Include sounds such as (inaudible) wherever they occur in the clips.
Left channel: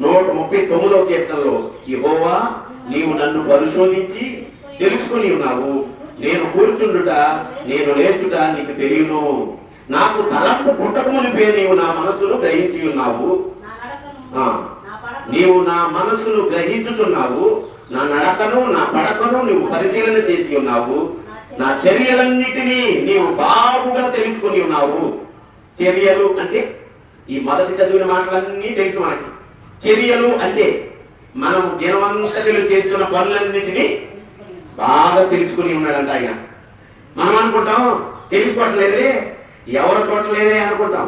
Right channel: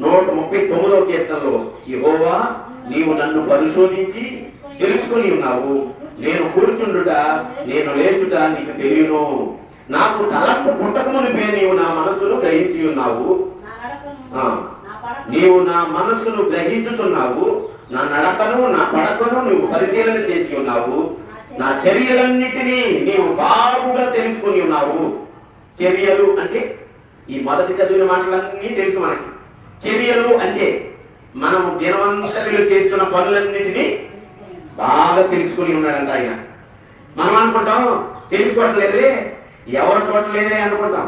నూట ముప్పై తొమ్మిదవ కీర్తనలో యహోవా నీవు నన్ను పరిశోధించి తెలుసుకొని ఉన్నావు. నేను కూర్చుండుట నేను లేచుట నీకు తెలియను. నాకు తలంపు పుట్టక మునిపే నీవు నా మనసును గ్రహించి ఉన్నావు. నీవు నా మనస్సును గ్రహించుచున్నావు. నా నడకను నా పడకను నీవు పరిశీలన చేసి ఉన్నావు. నా చర్యలన్నిటినీ నీవు బాగుగా తెలుసుకొని ఉన్నావు. చర్యలు అంటే ఈ మొదటి చదివిన మాటలన్నీ తెలుసు మనకి. చర్యలు అంటే మనము దినవంతటిలో చేస్తున్న పనులన్నిటినీ బాగా తెలుసుకుని ఉన్నాడంట ఆయన. మనం అనుకుంటాం తెలుసుకోవట్లేదులే ఎవరు చూడట్లేదే అనుకుంటాం.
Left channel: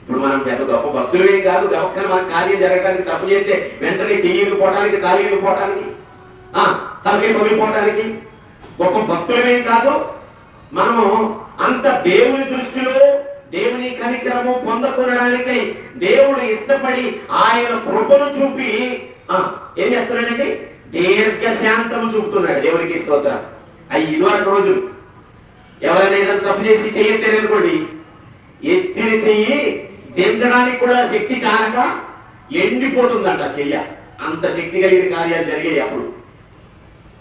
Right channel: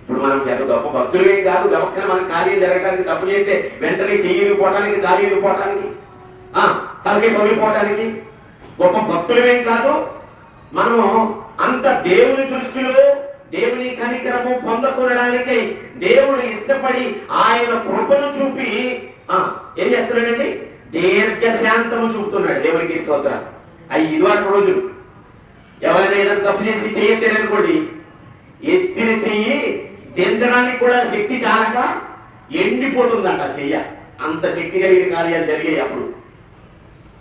ఇప్పుడు మనం పెద్ద గొప్ప భక్తులే కాదు గొప్ప మన కార్యం జరగడానికి తప్పు చేస్తే వెంటనే చెయ్యకపోవటానికి కార్యం పోవటానికి తలకి పగిలిపోవటానికి గొప్ప భక్తులమేం కాదు మనము అంత దేవుని దృష్టిలో దేవుని కనికరము పొందకూడడానికై దేవుడు ఇష్టపడి ఆయన కృపను చూపి ఏం చేస్తున్నాడండి? దీర్ఘశాంతము చూపుతున్నాడు దేవునికి స్తోత్ర. అవి ఇదివరకు రోజులు ఎవరైనా తప్పు చేసి చెయ్యలేదనుకోండి ఎత్తిన చెయ్యి దించడానికి కూడా శక్తి చాలక ఎండిపోతుందంట చెయ్య. అంత శక్తి కలిగిన కార్యాలు జరిగాయి అప్పుడు.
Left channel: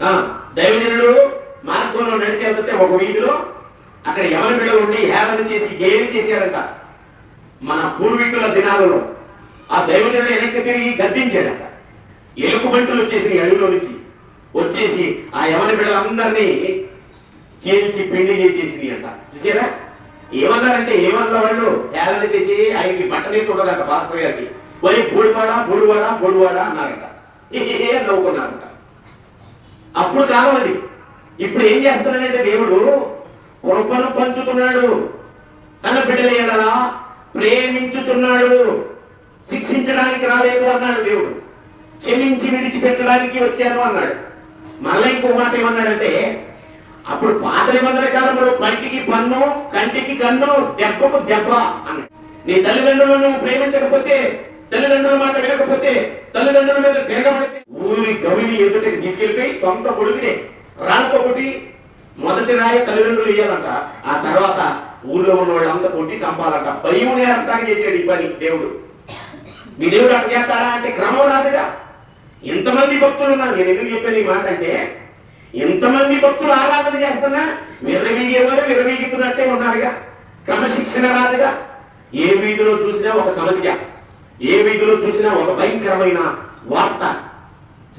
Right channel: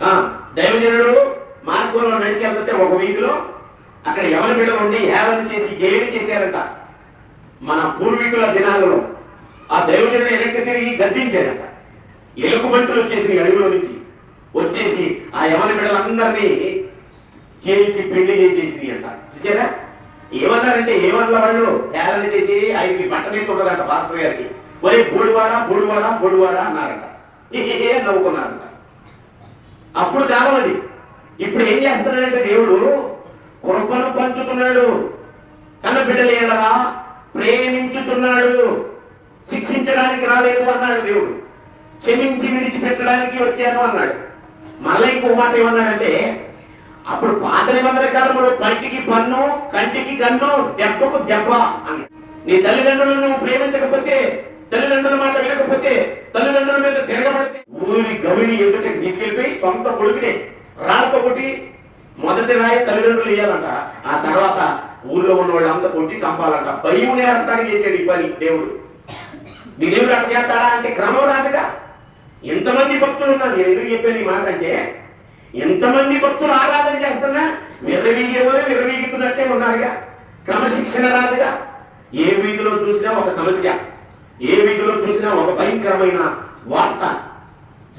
ఆ, దైవజనుడు మార్గంలో నడిచేస్తుంటే ఒక వీధిలో అక్కడ ఎవరి బిడ ఉండి ఏవని చేసి గేలి చేశారట? మన పూర్వీకుల దినాలలో ఆ దైవజనుడు వెనక్కి తిరిగి గద్దించాడట. ఎలుగుబంటులు వచ్చేసి అడవిలో నుంచి వచ్చేసి ఆ యవన బిడ్డలందరినీ చేయించి పెళ్ళి చేసేసి అంట చూసారా ఏమన్నారంటే ఏమన్నా వాళ్ళు హేళన చేసి ఆయనకి బట్టనే చూడదంట పాస్టర్ గారికి. ఒరే బోడివాడ బోడివాడ బోడివాడ అన్నారంట. (laughs) ఏ నవ్వుకున్నారట. అప్పుడు కాలం అది. ఇప్పుడు ఏం చేస్తున్నాడంటే దేవుడు కృపను పంచుతున్నాడు తన బిడ్డల ఎడలా ప్రేమించుచున్నాడు. శిక్షించడానికి రాలేదు అన్నాడు దేవుడు. క్షమించి విడిచిపెట్టడానికి వచ్చాను అన్నాడు. మళ్ళీ ఇంకో మాట ఏమన్నాడంటే అప్పుడు పాత నిబంధన కాలంలో పంటికి పన్ను కంటికి కన్ను దెబ్బకు దెబ్బ అన్నాడు. నీ తల్లిదండ్రులను నువ్వు ప్రేమించకపోతే తల్లిదండ్రుల మాట వినకపోతే తల్లిదండ్రుల మీద తిరగబడితే ఊరి గవిని ఎదుటికి తీసుకెళ్ళిపోయి సొంత కొడుకునే రాళ్ళతో కొట్టి మొదటి రాయి తల్లిదండ్రులు వేయాలంట ఆ తర్వాత ఊళ్ళో ఉన్న వాళ్ళంతా కొట్టి చంపాలంట. భయమునే అంటానికి చేసాడు ఈ పని దేవుడు. మీ దేవుడు అట్లా చేస్తాడా అంటే క్రమం రాదుగా ఎంతమంది భక్తులు ఉన్నారు? నేను ఎందుకు చెప్పాను ఈ మాట అంటే ఎంతమంది భక్తులు ఆరాధన చేస్తున్నా విర్రవీగేవారు విర్రవీగుతున్నట్టే ఉన్నారుగా. క్రమశిక్షణ రాదుగా. ఏ వీధిలో చూసినా ఒక సమస్య ఏ వీధిలో చూసినా ఒక భయంకరమైన వార్త.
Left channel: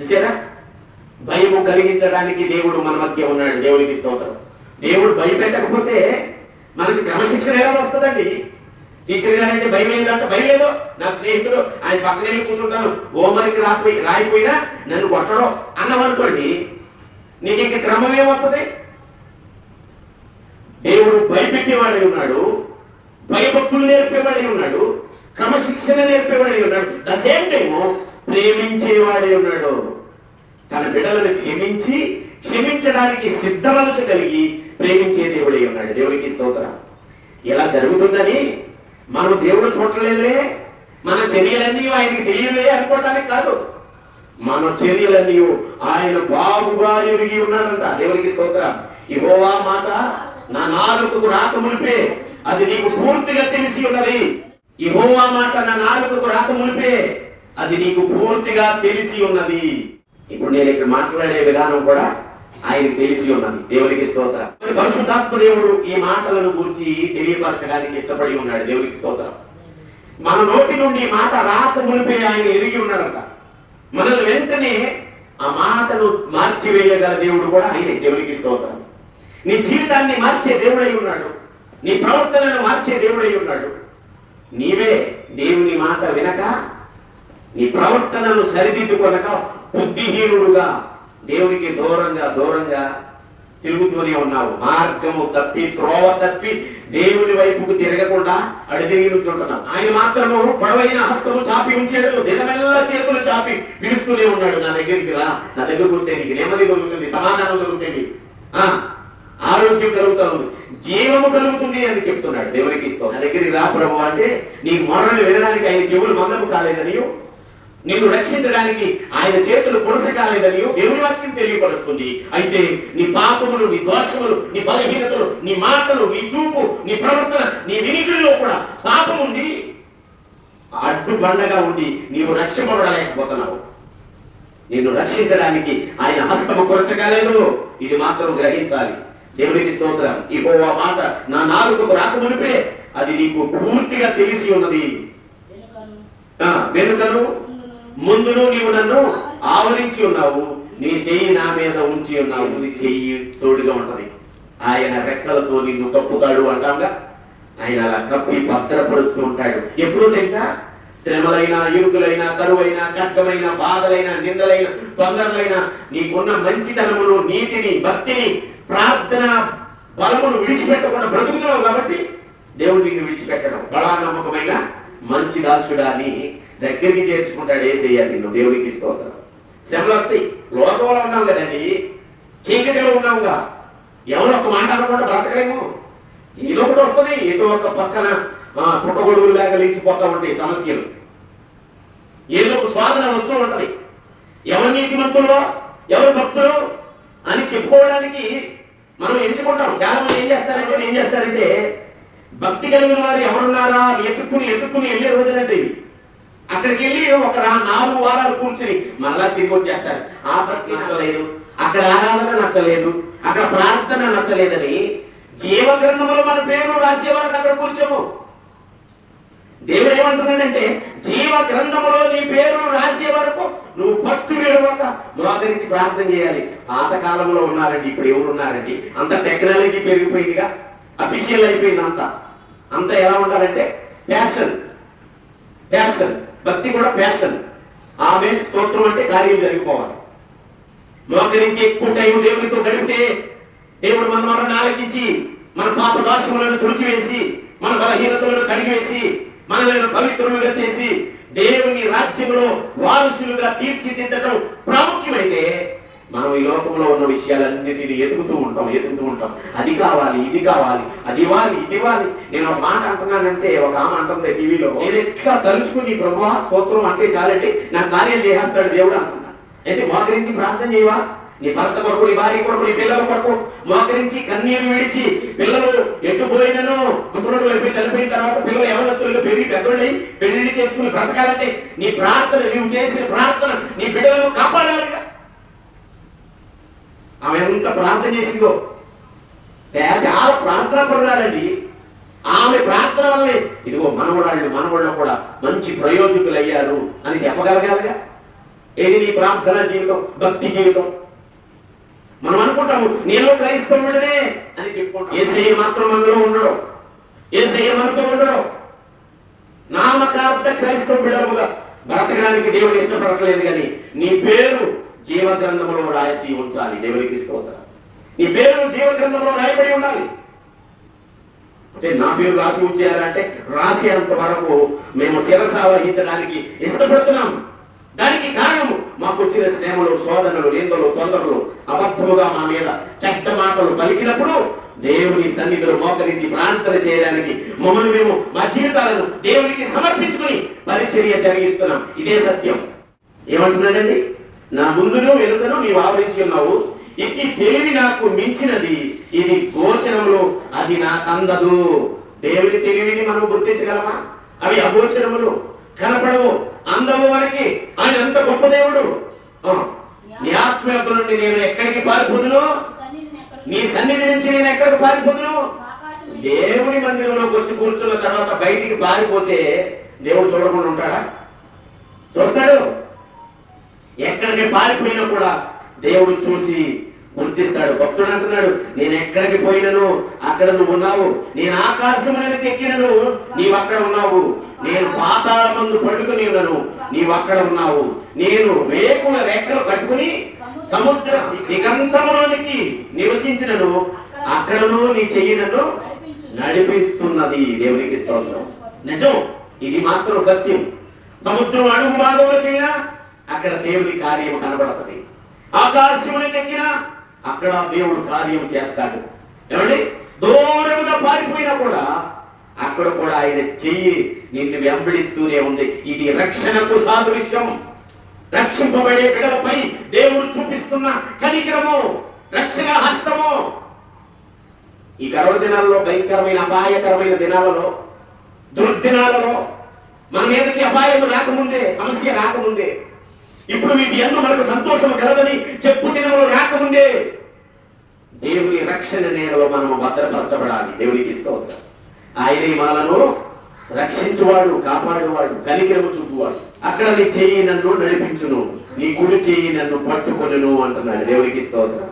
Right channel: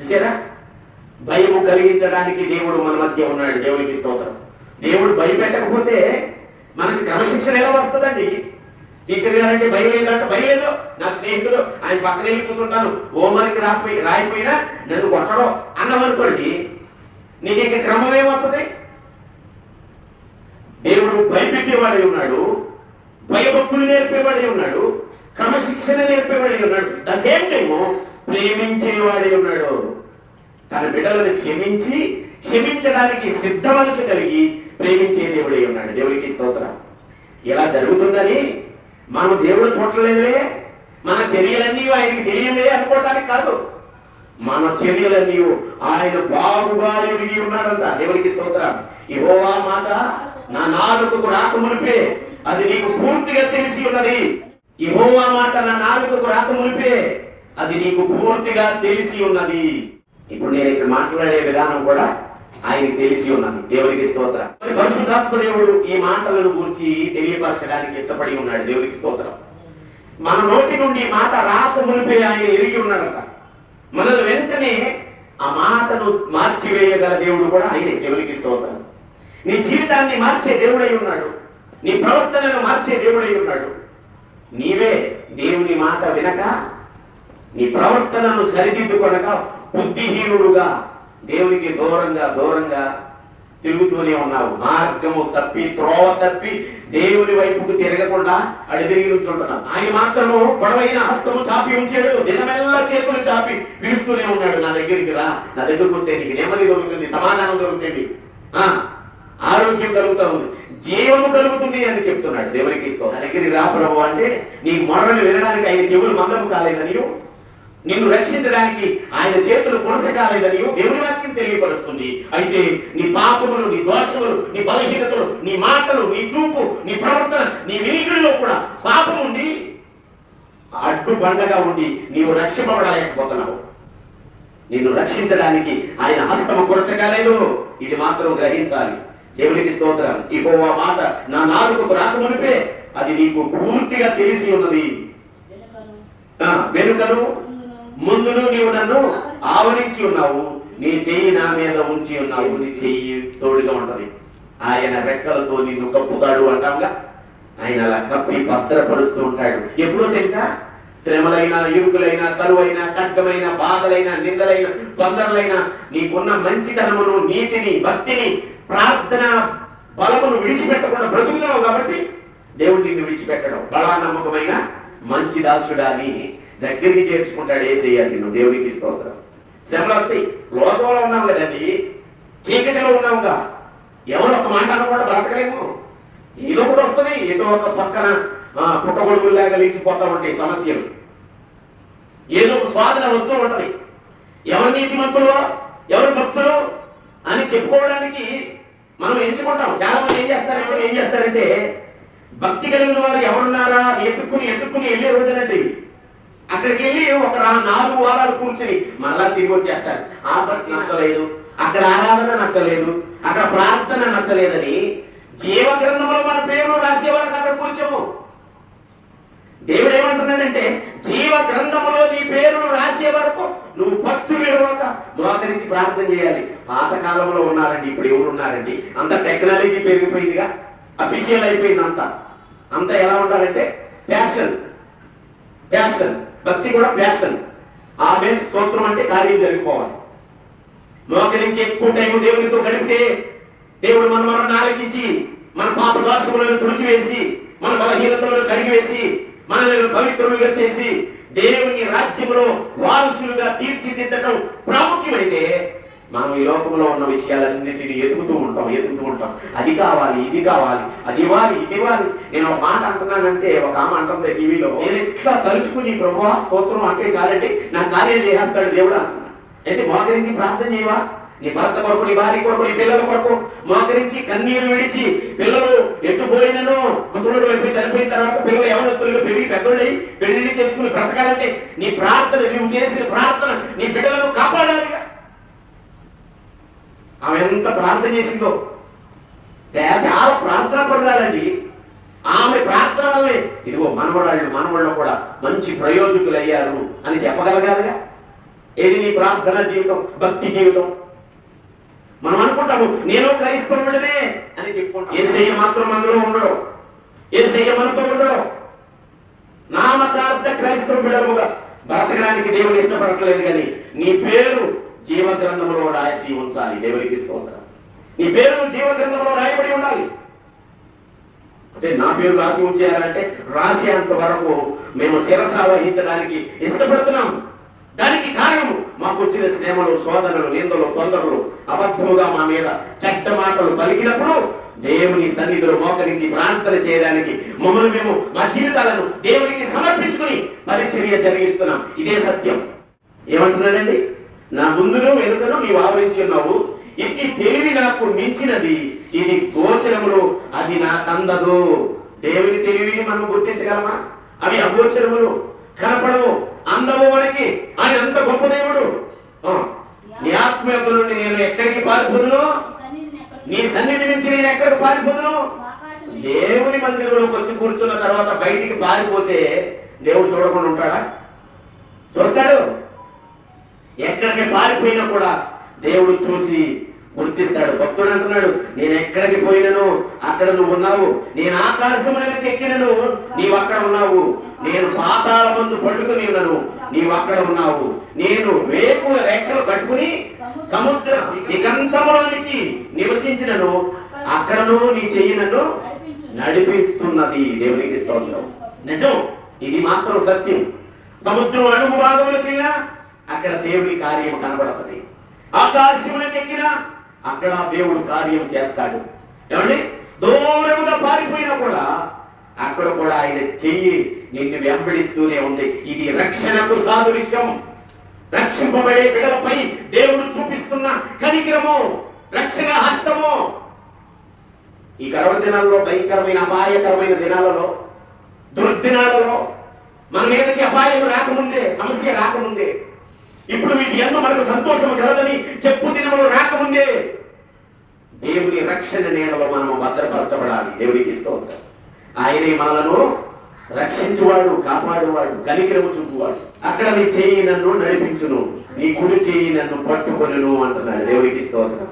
చూసారా భయము కలిగించడానికి దేవుడు మన మధ్య ఉన్నాడు. దేవుడికి స్తోత్రం. దేవుడు భయపెట్టకపోతే మనకి క్రమశిక్షణ ఎలా వస్తుందండి? టీచర్ గారంటే భయం లేదంటే. భయం లేదు. నా స్నేహితుడు ఆయన పక్కన వెళ్ళి కూర్చుంటాను. హోంవర్క్ రాకపోయి రాయిపోయినా నన్ను కొట్టడం అన్నామనుకోండి నీకు ఇంక క్రమం ఏమవుతుంది? దేవుడు భయపెట్టేవాడే ఉన్నాడు. భయభక్తులు నేర్పేవాడే ఉన్నాడు. క్రమశిక్షణ నేర్పేవాడే ఉన్నాడు. ద సేమ్ టైము ప్రేమించేవాడే ఉన్నాడు. తన బిడ్డలను క్షమించి క్షమించడానికి సిద్ధ మనసు కలిగి ప్రేమించే దేవుడే ఉన్నాడు. దేవుడికి స్తోత్రం. ఇలా జరుగుతుందని మనం దేవుడు చూడలేదే మన చర్యలన్నీ ఆయనకి తెలియలే అనుకోవటానికి కాదు. మన చర్యలన్నీ ఆయన బాగుగా ఎరిగి ఉన్నాడంట. దేవుడికి స్తోత్రం. ఇవోవా మాట నా నాలుకకు రాకమునిపే అది నీకు పూర్తిగా తెలిసి ఉన్నది. ఇవోవా మాట నా నాలుకకు రాకమునిపే అది నీకు పూర్తిగా తెలిసి ఉన్నది. ఇప్పుడు నేను ఇక్కడ మాట్లాడే విధానం కూడా ఆయన తెలిసి ఉన్నది. దేవునికి స్తోత్ర. మరి పరిశుద్ధాత్మ దేవుడు ఈ మాటలను గురించి తెలియపరచడానికి ఇష్టపడి ఉన్నాడు. దేవునికి స్తోత్రం. మన నోటి నుండి మాట రాత మునిపే ఆయన ఎరిగి ఉన్నాడట మనల్ని వెంటనే ఆ మాటను మార్చివేయగల దేవుడు కూడా ఆయనే. దేవునికి స్తోత్రం. నీ జీవితాన్ని మార్చే దేవుడై ఉన్నాడు. నీ ప్రవర్తనను మార్చే దేవుడై ఉన్నాడు. నీవే దేవుని మాట వినక నీ ప్రవర్తనను సరిదిద్దుకొనక బుద్ధిహీనుడుగా దేవునికి దూరంగా దూరంగా తిరుగుతూనే ఉన్నావు. మార్గము తప్పి త్రోవ తప్పి దేవుని వైపుకు తిరగకుండా అడిదిరిగి ఉంటున్నావు ఆయన మాత్రము పొడవైన హస్తము చాపి ఉంచాడు. దినమెల్లా చేతులు చాపి పిలుస్తూనే ఉన్నాడు. నా దగ్గరికి రా. నా దగ్గరకు వస్తే నీకు నెమ్మది దొరుకుతుంది సమాధానం దొరుకుతుంది. ఆ ఆరోగ్యం కలుగుతుంది జీవము కలుగుతుంది అని చెప్తున్నాడు దేవునికి ఇస్తాం నా దగ్గరికి రా ప్రభు అంటే నీకు మరణం వినడానికి ఆయన చెవులు మందము కాలేదని నిన్ను రక్షించడానికి ఆయన చేతులు కొనసకాలేదని దేవుని వాక్యం తెలియపరుస్తుంది. అయితే నీ పాపములు నీ దోషములు నీ బలహీనతలు నీ మాటలు నీ చూపు నీ ప్రవర్తన నీ వినికిడిలో కూడా పాపం ఉండి అడ్డు బండగా ఉండి నీవు రక్షింపబడలేకపోతున్నావు. నిన్ను రక్షించడానికి ఆయన హస్తము కొరచగలేదు ఇది మాత్రం గ్రహించాలి. దేవునికి స్తోత్రం. ఈ మాట నా నాలుగుకు రాకమునిపే అది నీకు పూర్తిగా తెలిసి ఉన్నది. ఆ, వెనుకను. ముందును నీవు నన్ను ఆవరించి ఉన్నావు. నీ చెయ్యి నా మీద ఉంచి ఉన్నావు. నీ చెయ్యి తోడుగా ఉంటది. ఆయన రెక్కలతో నిన్ను కప్పుతాడు అంటాంగా. ఆయన అలా కప్పి భద్రపరుస్తూ ఉంటాడు. ఎప్పుడో తెలుసా? శ్రమలైన ఇరుకులైన కరువైన ఖడ్గమైన బాధలైన నిందలైన తొందరలైన నీకున్న మంచితనమును నీతిని భక్తిని ప్రార్థన బలమును విడిచిపెట్టకుండా బ్రతుకుతున్నావు కాబట్టి దేవుడు నిన్ను విడిచిపెట్టడం బలా నమ్మకమైన మంచి దాసుడా అని దగ్గరికి చేర్చుకుంటాడు ఏసయ్య నిన్ను దేవుడికి స్తోత్రం. శ్రమలు వస్తాయి లోకంలో ఉన్నాం కదండి. చీకటిలో ఉన్నావుగా. ఎవరు ఒక మాట అనుకున్నాడు బ్రతకలేము. ఏదో ఒకటి వస్తుంది ఏదో ఒక పక్కన ఆ, పుట్టగొడుగుల్లాగా లేచిపోతా ఉంటాయి సమస్యలు. ఏదో ఒక స్వాధన వస్తూ ఉంటది. ఎవరు నీతిమంతులో ఎవరు భక్తులు అని చెప్పుకోవడానికి మనం ఎంచుకుంటాం. చాలా మంది ఏం చేస్తారంటే ఏం చేస్తారంటే భక్తి కలిగిన వారు ఎవరున్నారా అని ఎదుర్కొని వెళ్ళే రోజులంటే అక్కడికి వెళ్ళి ఒక నాలుగు వారాలు కూర్చొని మళ్ళా తిరిగి వచ్చేస్తారు. ఆ భక్తి నచ్చలేదు అక్కడ ఆరాధన నచ్చలేదు అక్కడ ప్రార్థన నచ్చలేదని జీవ గ్రంథంలో మన పేరు రాసే అక్కడ కూర్చోము. దేవుడు ఏమంటున్నాడంటే జీవ గ్రంథములో నీ పేరు రాసే వరకు నువ్వు పట్టు విడవక మోకరించి ప్రార్థన చేయాలి. పాత కాలంలో ఉన్నారండి ఇప్పుడు ఎవరు ఉన్నారండి? అంత టెక్నాలజీ పెరిగిపోయిందిగా అఫీషియల్ అయిపోయింది అంత. అంత ఎలా ఉంటారంటే ప్యాషన్ ప్యాషన్. భక్తి కూడా ప్యాషన్. ఆమె స్తోత్రం అంటే కార్యం జరిగిపోవాలి మోకరించి ఎక్కువ టైం దేవునితో గడిపితే దేవుడు మన మరణ ఆలకించి మన పాప దోషములను తుడిచివేసి మన బలహీనతలను కడిగివేసి మనల్ని పవిత్రులుగా చేసి దేవుని రాజ్యములో వారసులుగా తీర్చిదిద్దడం ప్రాముఖ్యమైతే మనం ఈ లోకంలో ఉన్న విషయాలన్నిటిని ఎదుగుతూ ఉంటాం ఎదుగుతూ ఉంటాం. అది కావాలి ఇది కావాలి అది ఇవ్వాలి ఇది ఇవ్వాలి. నేను ఒక మాట అంటున్నానంటే ఒక ఆమె అంటుంది టీవీలో నేను ఎట్లా తలుచుకుని ప్రభు స్తోత్రం అంటే చాలంటే నా కార్యం చేసేస్తాడు దేవుడు అంటున్నాను అయితే మోకరించి ప్రార్థన చేయవా? నీ భర్త కొరకు నీ భార్య కొరకు నీ పిల్లల కొరకు మోకరించి కన్నీరు విడిచి పిల్లలు ఎట్టుపోయినను ముసలోడు వెళ్ళి చనిపోయిన తర్వాత పిల్లలు యవనస్తులుగా పెరిగి పెద్దోడై పెళ్ళి చేసుకుని బ్రతకాలంటే నీ ప్రార్థన నీవు చేసిన ప్రార్థన నీ బిడ్డలను ఆమె ఎంత ప్రార్థన చేసిందో. చాలా ప్రార్థన పడాలండి ఆమె ప్రార్థన వల్లే ఇదిగో మనవరాళ్ళు మనవళ్ళు కూడా మంచి ప్రయోజకులు అయ్యారు అని చెప్పగలగాలిగా. ఏది నీ ప్రార్థన జీవితం భక్తి జీవితం? మనం అనుకుంటాము నేను క్రైస్తవుడినే అని చెప్పుకుంటాం. ఏసయ్య మాత్రం అందులో ఉండడం. ఏసయ్య మనతో ఉండడం. నామకార్థ క్రైస్తవ బిడముగా బ్రతకడానికి దేవుడు ఇష్టపడట్లేదు కానీ నీ పేరు జీవ గ్రంథంలో రాసి ఉంచాలి దేవునికి స్తోత్రం. నీ పేరు జీవ గ్రంథంలో రాయబడి ఉండాలి. అంటే నా పేరు రాసి ఉంచారంటే రాసి అంత వరకు మేము శిరస వహించడానికి ఇష్టపడుతున్నాం దానికి కారణం మాకు వచ్చిన శ్రమలు శోధనలు నిందలు తొందరలు అబద్ధముగా మా మీద చెడ్డ మాటలు పలికినప్పుడు దేవుని సన్నిధిలో మోకరించి ప్రార్థన చేయడానికి మమ్మల్ని మేము మా జీవితాలను దేవునికి సమర్పించుకుని పరిచర్య జరిగిస్తున్నాం. ఇదే సత్యం. ఏమంటున్నానండి నా ముందును వెనుకను నీవు ఆవరించి ఉన్నావు. ఇట్టి తెలివి నాకు మించినది. ఇది గోచరములు అది నాకు అందదు. దేవుని తెలివిని మనం గుర్తించగలమా? అవి అగోచరములు. కనపడవు. అందము మనకి. ఆయన అంత గొప్ప దేవుడు. నీ ఆత్మ యొక్క నుండి నేను ఎక్కడికి పారిపోదును? నీ సన్నిధి నుంచి నేను ఎక్కడికి పారిపోదును? దేవుని మందిరంలోకి వచ్చి కూర్చున్న తర్వాత బయటికి పారిపోతే దేవుడు చూడకుండా ఉంటాడా? చూస్తాడు. ఎక్కడికి పారిపోయినా కూడా దేవుడు చూసి గుర్తిస్తాడు. భక్తుడు అంటున్నాడు నేను ఎక్కడికి పోయినను? అక్కడ నువ్వు ఉన్నావు. నేను ఆకాశములకు ఎక్కినను. నీవు అక్కడ ఉన్నావు. నేను పాతాల ముందు పడుకుని ఉన్నాను. నీవు అక్కడ ఉన్నావు. నేను వేకుల రెక్కలు కట్టుకుని సముద్ర దిగంతములోనికి నివసించినను. అక్కడను నీ చెయ్యి నన్ను నడిపిస్తున్నది దేవునికి స్తోత్రం. నిజం. ఇది మాత్రం సత్యం. సముద్రం అడుగు భాగంలోకి వెళ్ళినా అక్కడ దేవుడి కార్యం కనబడుతుంది. ఆకాశములకు ఎక్కినా అక్కడ దేవుడు కార్యం చేస్తాడు. ఏమండి? దూరముగా పారిపోయినా కూడా అక్కడ కూడా ఆయన చెయ్యి నిన్ను వెంబడిస్తూనే ఉంది. ఇది రక్షణకు సాదృశ్యం రక్షింపబడే విడవపై దేవుడు చూపిస్తున్న కనికరము రక్షణ హస్తము. ఈ గర్వ దినాలలో భయంకరమైన అపాయకరమైన దినాలలో దుర్దినాలలో మన మీదకి అపాయం రాకముందే సమస్య రాకముందే ఇప్పుడు మీకు ఎందు మనకు సంతోషం కలదని చెప్పు దినములు రాకముందే. దేవుని రక్షణ నేలలో మనము భద్రపరచబడాలి. దేవునికి స్తోత్రం. ఆయనే మనలను రక్షించువాడు కాపాడువాడు కలికలు చూపువాడు. అక్కడ నీ చెయ్యి నన్ను నడిపించును నీ కుడి చెయ్యి నన్ను పట్టుకొనును అంటున్నాడు. దేవునికి స్తోత్రం.